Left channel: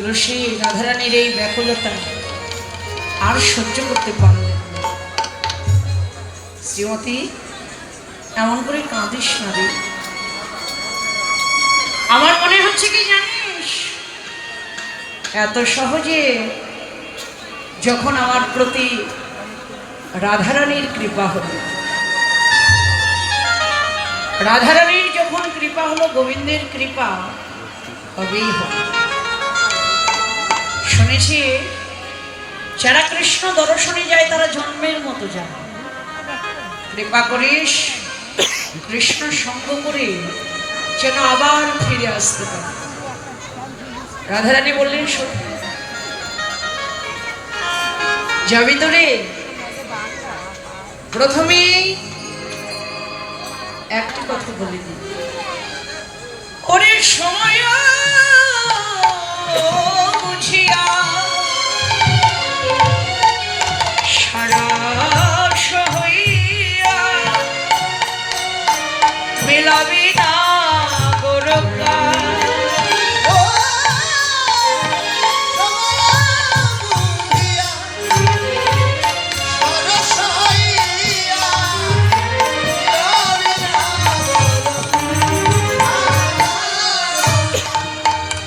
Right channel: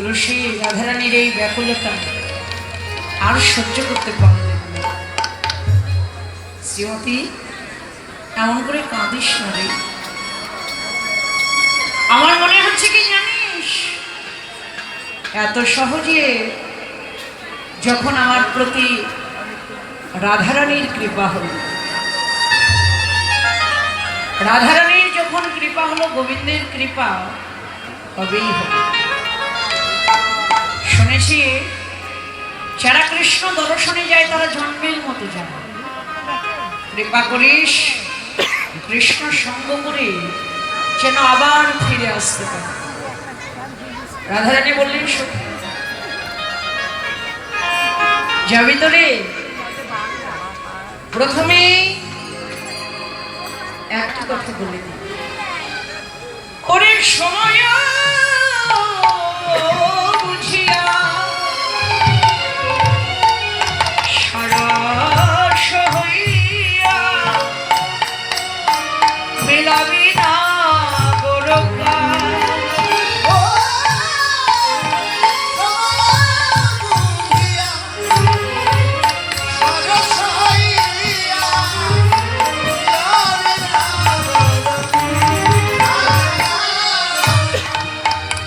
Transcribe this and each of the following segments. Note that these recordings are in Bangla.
তুলসী রাধারানীর এই ব্যাকুলতা আর সহ্য করতে পারলেন না। শ্রীমতী, এমন করে কাঁদিস না রে। আমার মনে হচ্ছে কি জানিস, এত সহজে যখন আমার প্রতি রাধারানীর কৃপা হলো, রাধারানীর যখন কৃপা হলো, গোবিন্দের কৃপা হবেই হলো। শুনেছি যারা কৃষ্ণ দর্শনে যায় তারা জন্মের মতো যায়। কৃপা করিস, কৃষ্ণ সঙ্গ করে যেন আবার ফিরে আসতে পারে। রাধারানী বললেন, যাবি তো রে? প্রথমে একটা কথা বলে দিই, ওরে সময় বুঝিয়া সারাস হইয়া মেলাবি না গোরকা।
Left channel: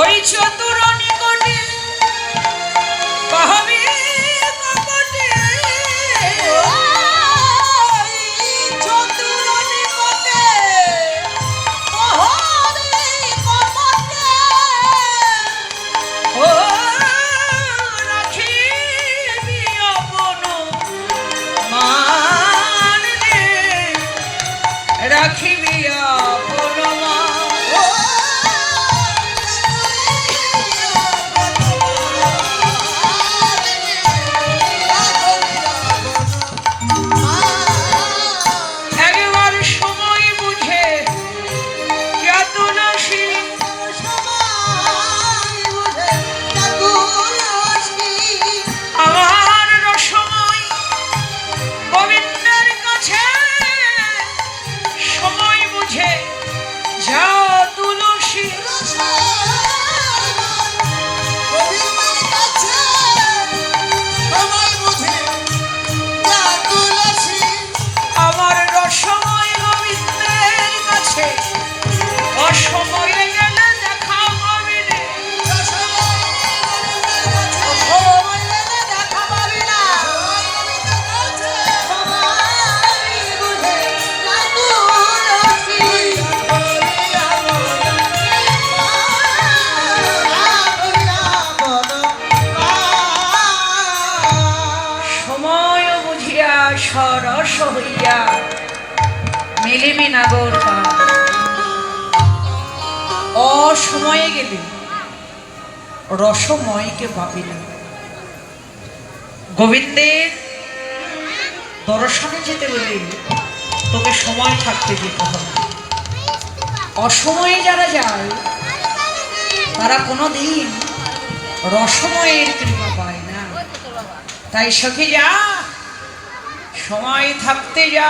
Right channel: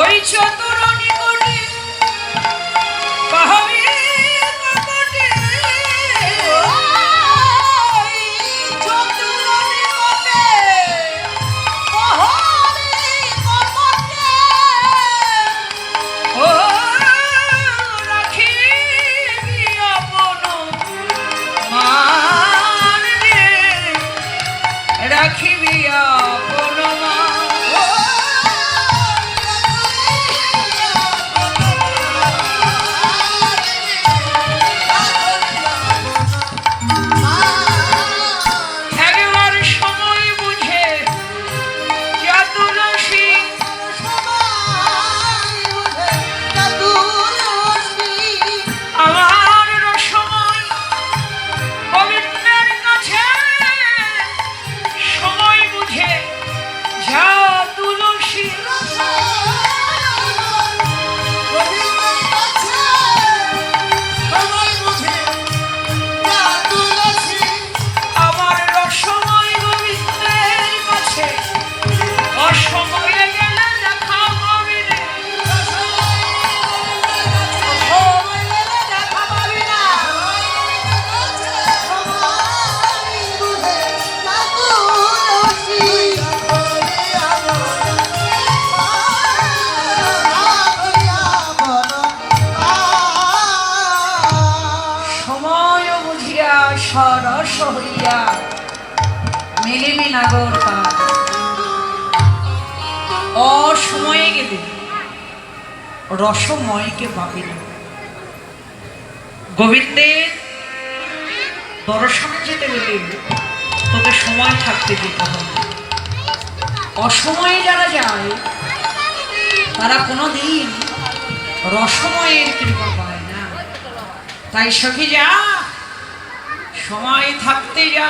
ওই চতুরনি কোটি কহবি কপটে, চতুরনি কোটে কহবি কপটে, ও রাখিবি আপন মান রে, রাখিবি আপন সরস হইয়া মেলিমি নাগর পা। অসময়ে গেলে রসময়কে পাবি না। গোবিন্দের দর্শনে যেতে বলি তোকে সময় থাকতে যেতে হবে। অসময়ে যারা যায় তারা কোনোদিন রসময়ের কৃপা পায় না। তাই সখী যা, সময় থাকতে যা।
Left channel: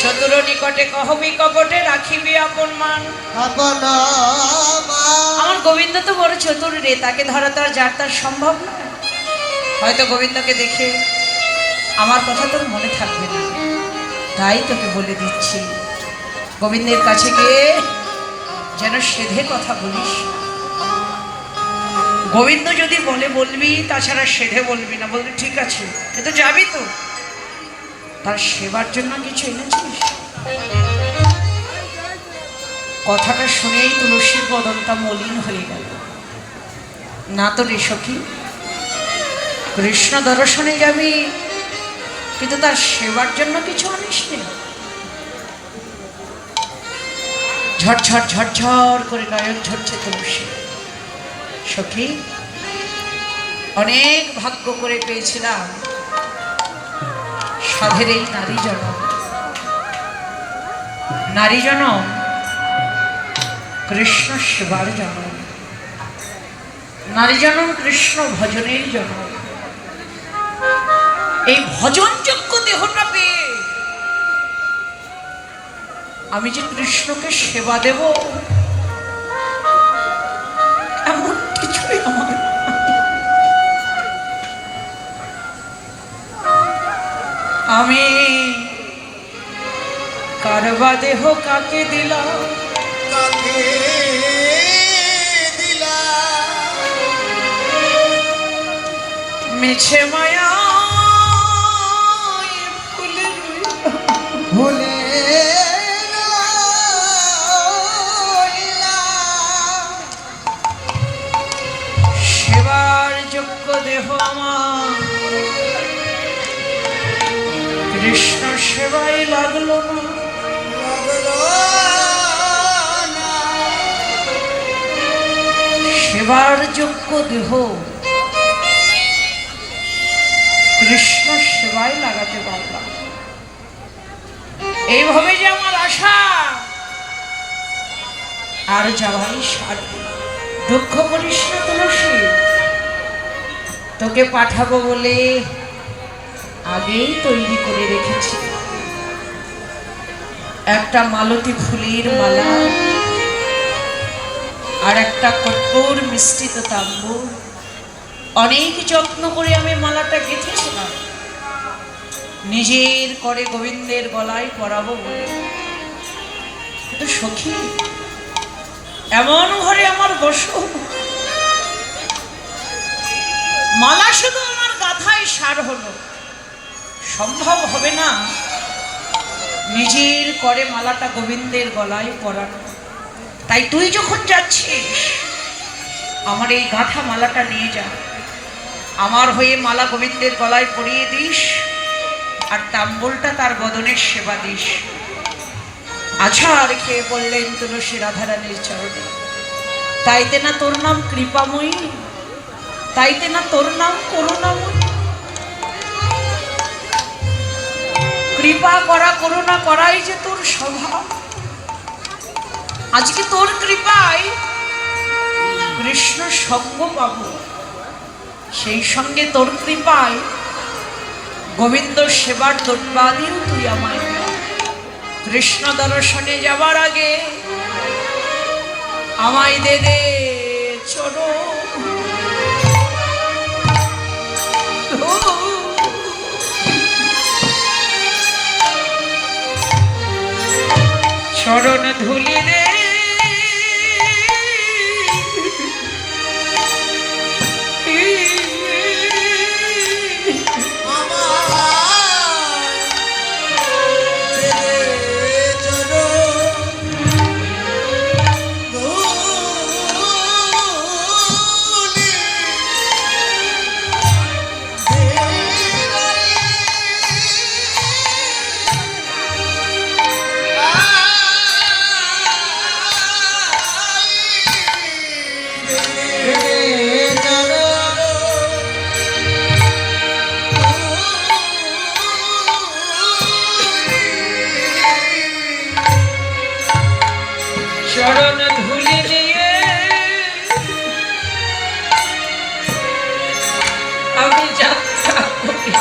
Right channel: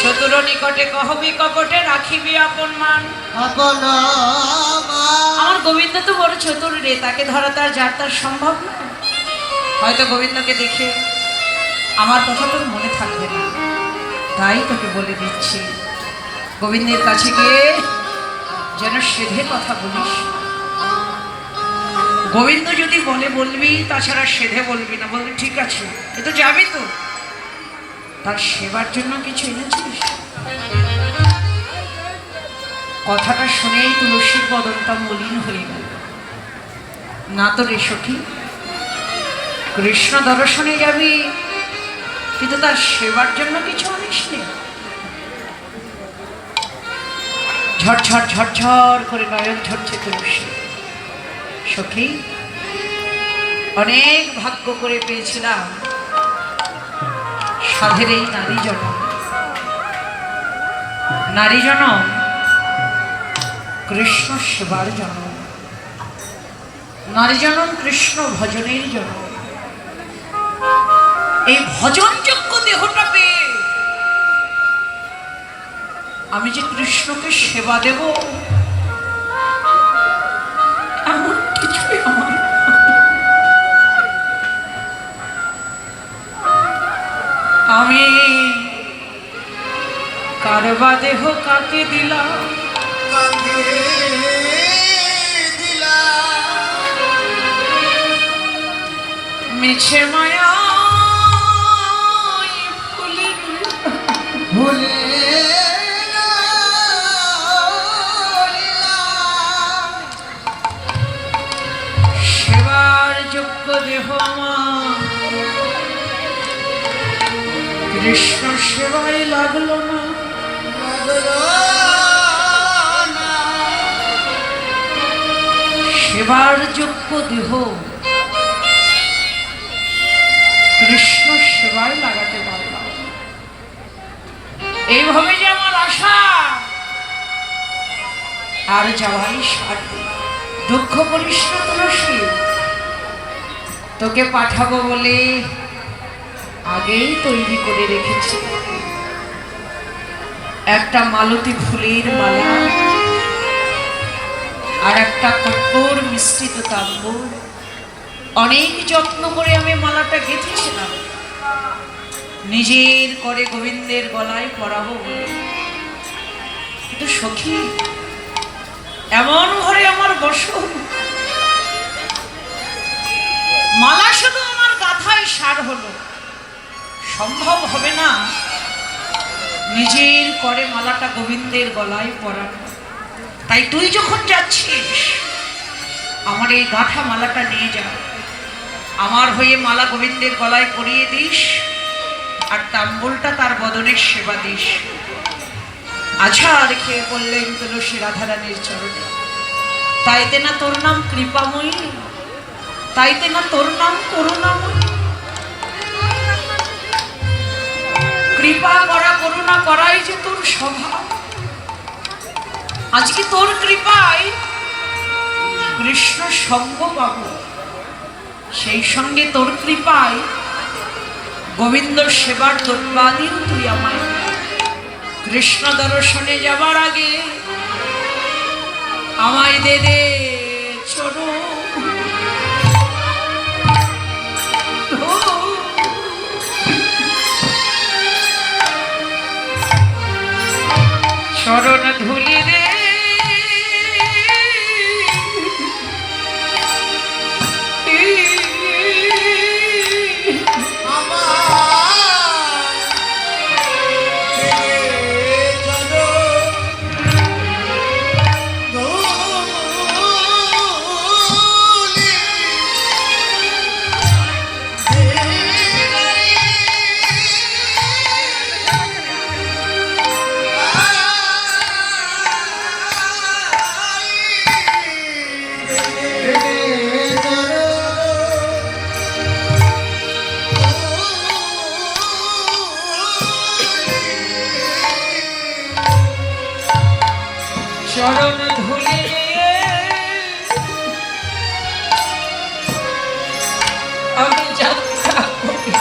চতুর নিকটে কহবি কপটে, রাখিবি আপন মান। আমার গোবিন্দ তো বড় চতুর রে, তাকে ধরা তার যার তার সম্ভব না। হয়তো গোবিন্দকে দেখে আমার কথা তোর মনে থাকবে না, তাই তোকে বলে দিচ্ছি, গোবিন্দের কাছে গিয়ে যেন সেধে কথা বলিস। গোবিন্দ যদি বলে বলবি, তাছাড়া সেধে বলবি না। বলবি ঠিক আছে, কিন্তু যাবি তো? তার সেবার জন্য কিছু এনেছিস? কথাটা শুনেই তুলসীর বদনটা মলিন হয়ে গেল। না তো রে সখী, কৃষ্ণ দর্শনে যাবি কিন্তু তার সেবার জন্য কিছু আনিস নি। ঝরঝর ঝরঝর করে নয়ন ঝরছে তুলসী। সখী, অনেক ভাগ্য করে পেয়েছিলাম সাধের এই নারী জনম। নারী জনম কৃষ্ণ সেবার জন্ম, নারী জনম কৃষ্ণ ভজনের জন্ম। এই ভজনযোগ্য দেহটা পেয়ে আমি যে কৃষ্ণকে সেবা দেব এমন কিছুই আমি কারবা দেহ কাকে দিলাম, কাকে দিলাম মিছে মায়া ভুলে সেবার যোগ্য দেহ আমার কৃষ্ণ সেবায় লাগলো না। সেবার যোগ্য দেহ কৃষ্ণ সেবায় লাগাতে পারলাম। এইভাবে যে আমার আশা আর যাওয়াই সাথে। দুঃখ করিস না তুলসী, তোকে পাঠাবো বলে আগেই তৈরি করে রেখেছি একটা মালতী ফুলের মালা আর একটা কঠোর মিশ্রিত তাম্বুর। অনেক যত্ন করে আমি মালাটা গেঁথেছিলাম নিজের করে গোবিন্দের গলায় পরাবো বলে। কিন্তু সখী, এমন ঘরে আমার বসো, মালা শুধু আমার গাথায় সার হলো, সম্ভব হবে না নিজের করে মালাটা গোবিন্দের গলায় পরানো। তাই তুই যখন যাচ্ছিস আমার এই গাঁথা মালাটা নিয়ে যা, আমার হয়ে মালা গোবিন্দের গলায় পরিয়ে দিস আর তাম্বুলটা তার বদনের সেবা দিস। আচ্ছা, আর খেয়ে বললেন তুলসী রাধারানীর চরণে, তাইতে না তোর নাম কৃপাময়ী, তাইতে না তোর নাম করুণাময়ী। কৃপা করা করুণা করাই যে তোর স্বভাব। আজকে তোর কৃপায় কৃষ্ণ সঙ্গ পাব, সেই সঙ্গে তোর কৃপায় গোবিন্দ সেবার দোটবাদিও তুই আমায় কৃষ্ণ দর্শনে যাবার আগে আমায় দে দে চরণ। চরণ ধুলি রে চরণ ধুলি নিয়ে আমি যাত্রা করি।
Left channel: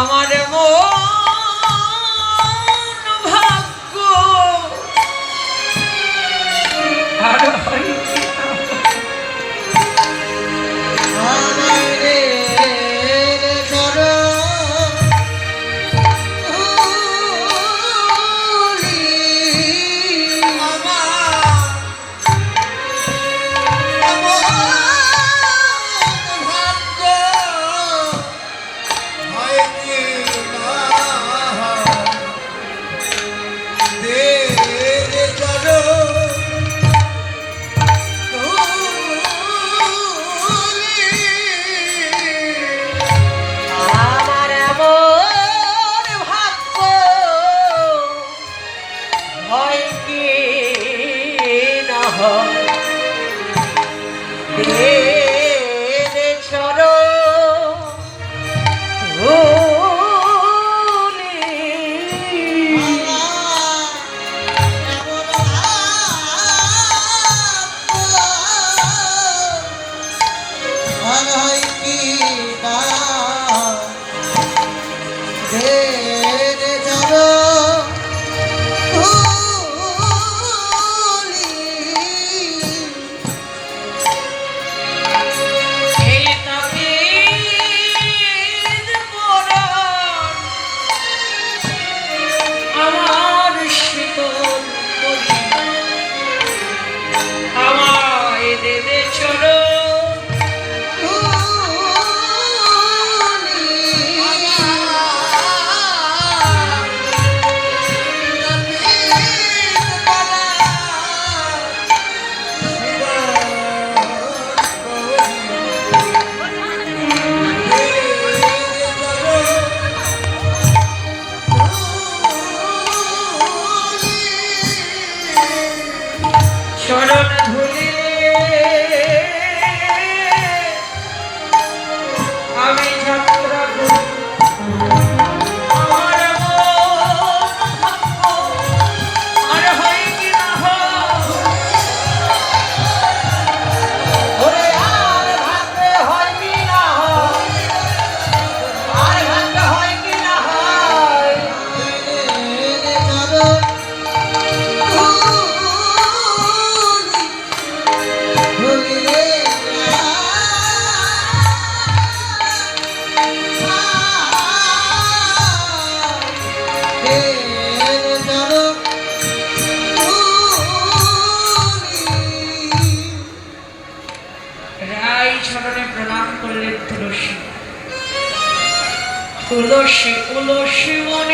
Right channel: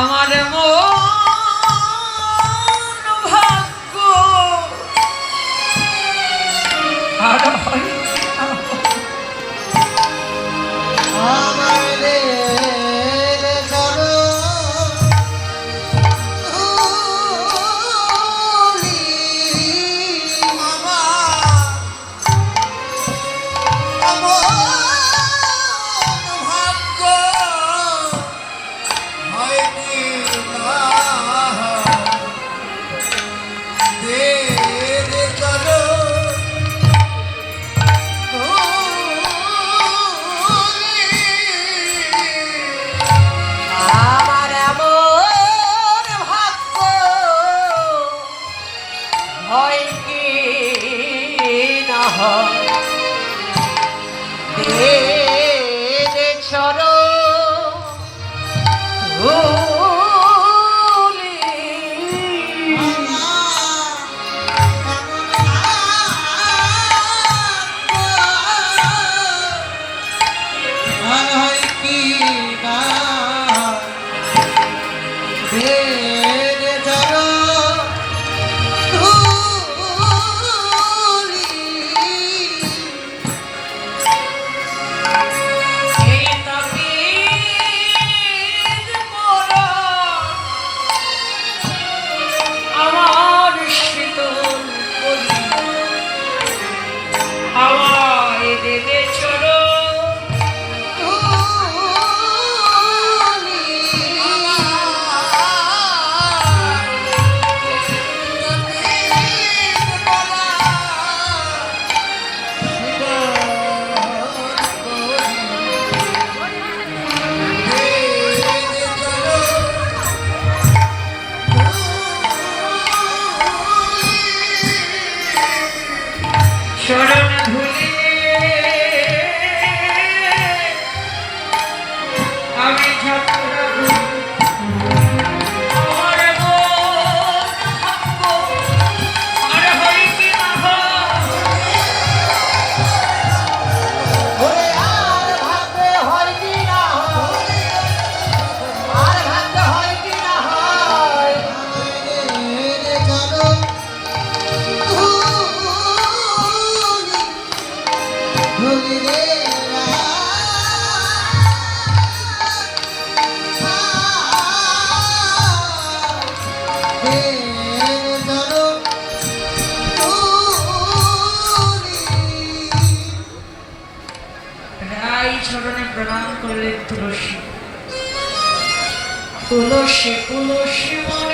আমার মন ভাগ্য আর হইতে না। চরণ জানো রায় চরণে প্রণাম করলেন তুলসী। তুলসী তুলসী মনে